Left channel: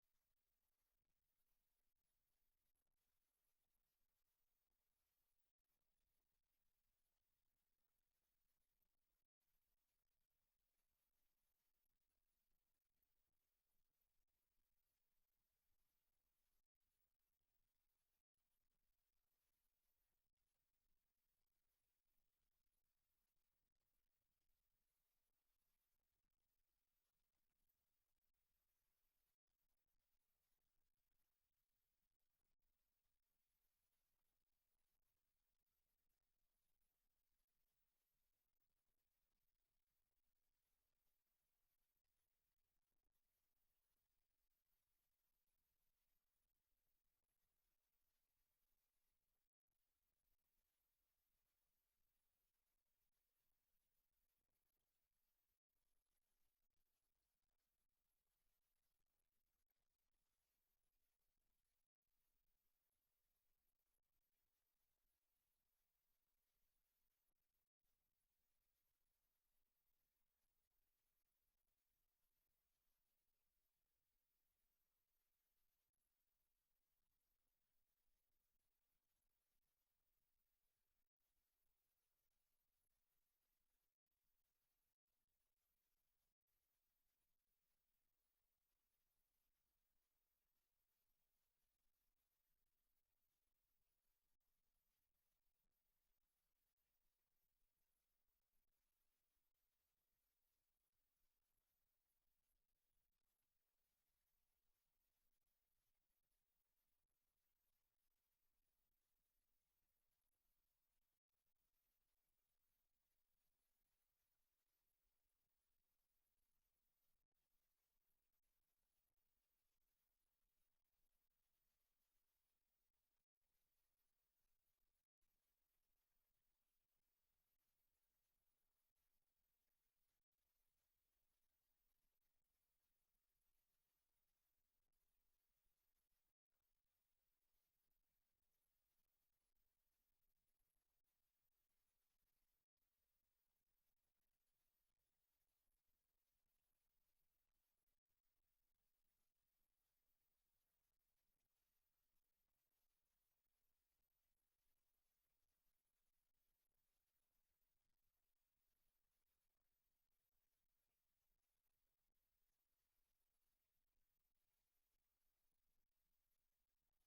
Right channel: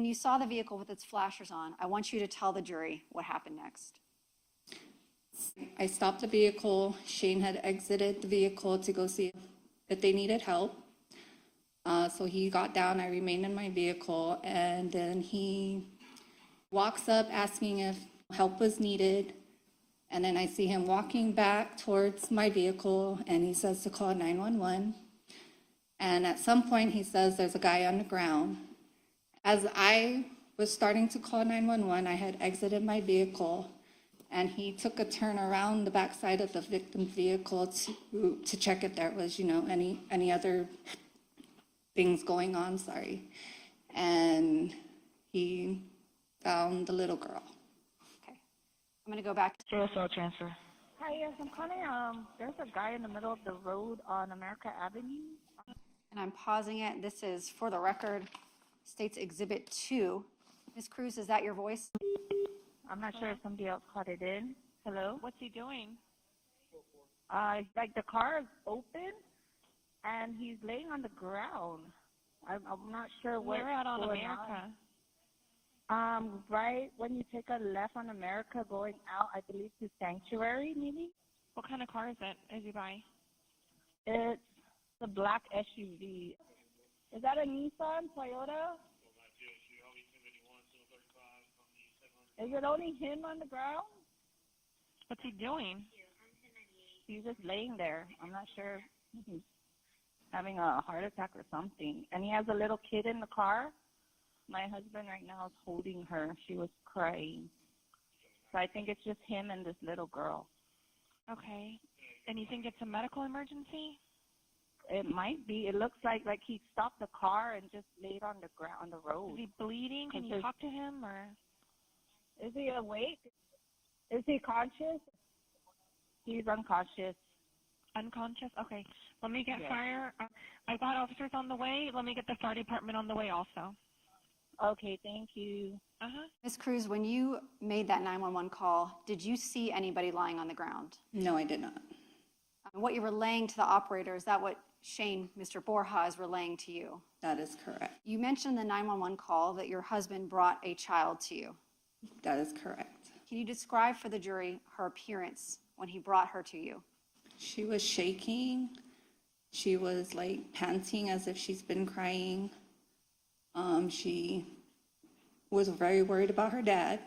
When you saw the vehicle with its flashers on, I want you to tell the jury what happened next. I stopped the vehicle. Shane had exited the vehicle to go see if they needed help. So he got down, I remained in my vehicle, and then he walks up asking if help was needed. And then I see him walking back towards my vehicle, and he says to call 911. And at some point, he says there's a guy on the ground. As I was starting to call 911, I had exited my vehicle, and he took a turn around the backside of the victim's vehicle to check if there was, any other things going on, and he found the little girl. Okay. I'm going to go back to JSL transfer. Hi, yes, I'm calling. There's a guy in the middle of the road on America Avenue. and I'm pausing it. This is, for the record, State's Exhibit 2. Ms. Cruz, is that your voice? I'm not sure if somebody else caught it in. Hello? What's he doing? Like the car is open, and he's laying on the ground. I'm not sure what's We're out on going America. on. Right when you take a left on America going out, I believe to Sanctuary, maybe? What kind of car is it? Is he by? It's a black SUV. Is that a Nissan, Toyota? Is it only him on the ground? What's he doing? He's just laying there. I'm not sure if he's having a heart attack or something. And he has a little kid in the car. My husband right now is holding her. She was crying. So I think it's just him and this little girl. Okay. And you think it's a medical emergency? It might be. It looks like he stopped the car and just laid on the ground on the road. Is he bleeding? Can you talk to him, or? Is he awake? Is he conscious? He's unconscious. Unconscious? Okay. Let me get Yes. fire. I've got officers on the way. Let me get the fire department on the way also. Okay, thank you. Uh-huh. Ms. Cruz, when you made that 911 call, did you see anybody lying on the ground? No, I did not. What you're relaying to the operator, is that what Shane, Mr. Borja, is relaying to you? That is correct. You mentioned in the 911 call that your husband brought a child to you. That is correct. Can you describe for the jury her appearance when he brought her to you? She was shaking. She was panting as if she's been crying. She was very worried about her dad.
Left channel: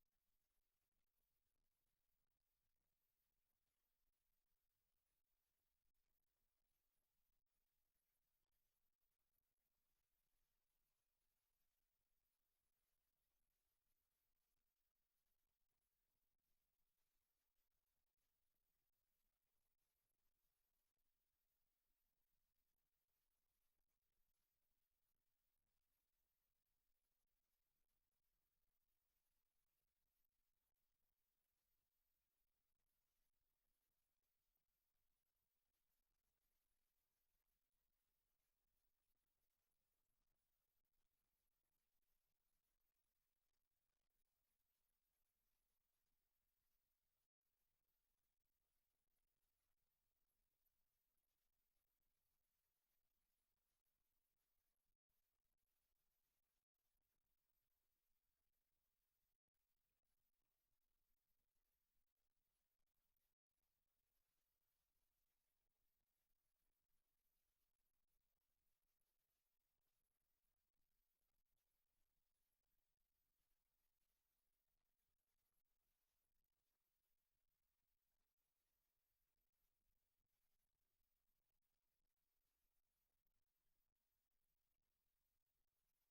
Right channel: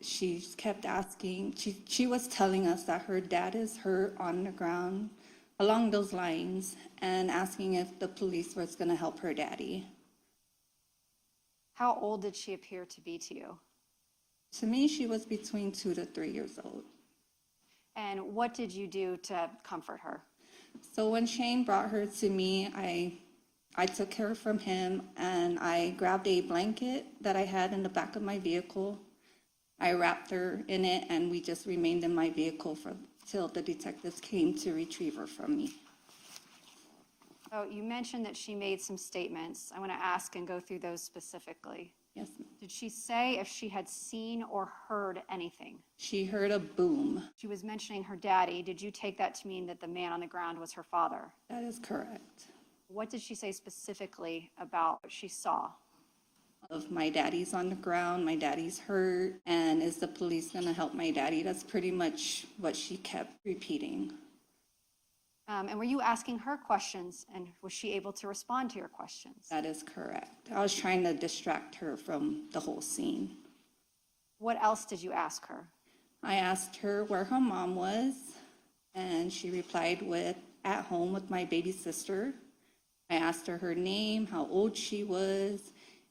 She kept asking, she was telling us that her dad is hurt on the ground, along those lines, and asking if the police was going to help her daddy. How old did she appear to be to you? To me, she was between 2 to 3 years old. And what did you do to comfort her? So when Shane brought her to me, I took her from him, and I grabbed a blanket that I had in the back of my vehicle. I wrapped her in it, and we just remained in my vehicle till the detectives came to retrieve her from me. So you mentioned that she made some statements. I want to ask and go through those specifically. Yes, ma'am. Did she say if she had seen or heard anything? She heard a boom. She was mentioning her daddy. Did you take that to mean that the man on the ground was her father? That is correct. What did she say specifically about what she saw? Of my daddy's on the ground, my daddy's hurt, and is the police going to help my daddy? That's pretty much what she kept repeating. And were you asking her questions, and was she able to respond to your questions? That is correct. I was trying to distract her from the whole scene. What else did you ask her? I asked her where her mom was, and she replied with, at home with my baby sister. I asked her her name, how old she was,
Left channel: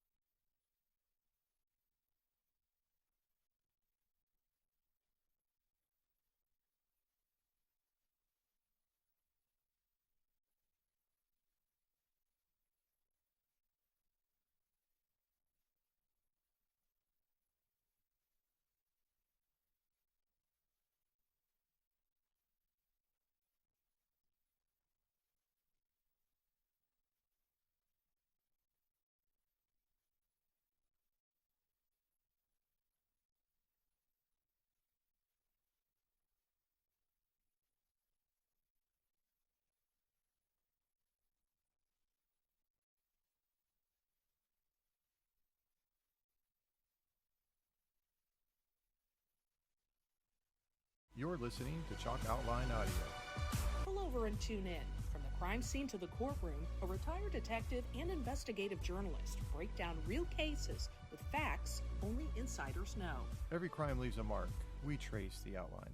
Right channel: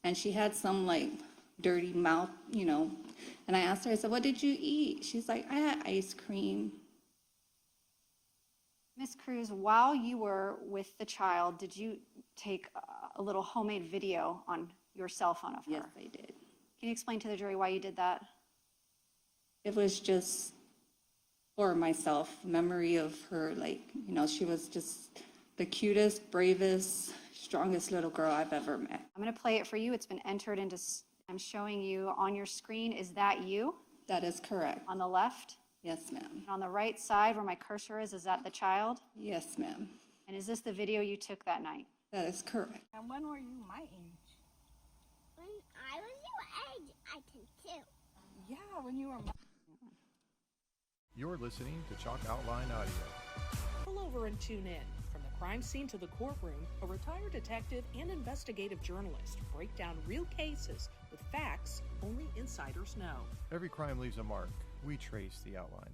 and she had some dirty mouth, And I asked her, I said, what did you eat? She's like, I had ice cream. Ms. Cruz, while you were with the child, did you take a little homemade video on your cell phone of her? Yes, I did. Can you explain to the jury why you did that? It was just for myself, memory of her, she was just the cutest, bravest, strongest little girl I've ever met. I'm going to play it for you. It's been entered into, I'm showing you on your screen. Is that you? That is correct. On the left? Yes, ma'am. And on the right side where my cursor is that the child? Yes, ma'am. And is this the video you took that night? That is correct. And when were you when you were. You're listening to Chalk Outline Audio. Pull over and tune in. From the crime scene to the courtroom, a retired detective and investigative journalist break down real cases with facts only insiders know. Every crime leaves a mark. We trace the outline.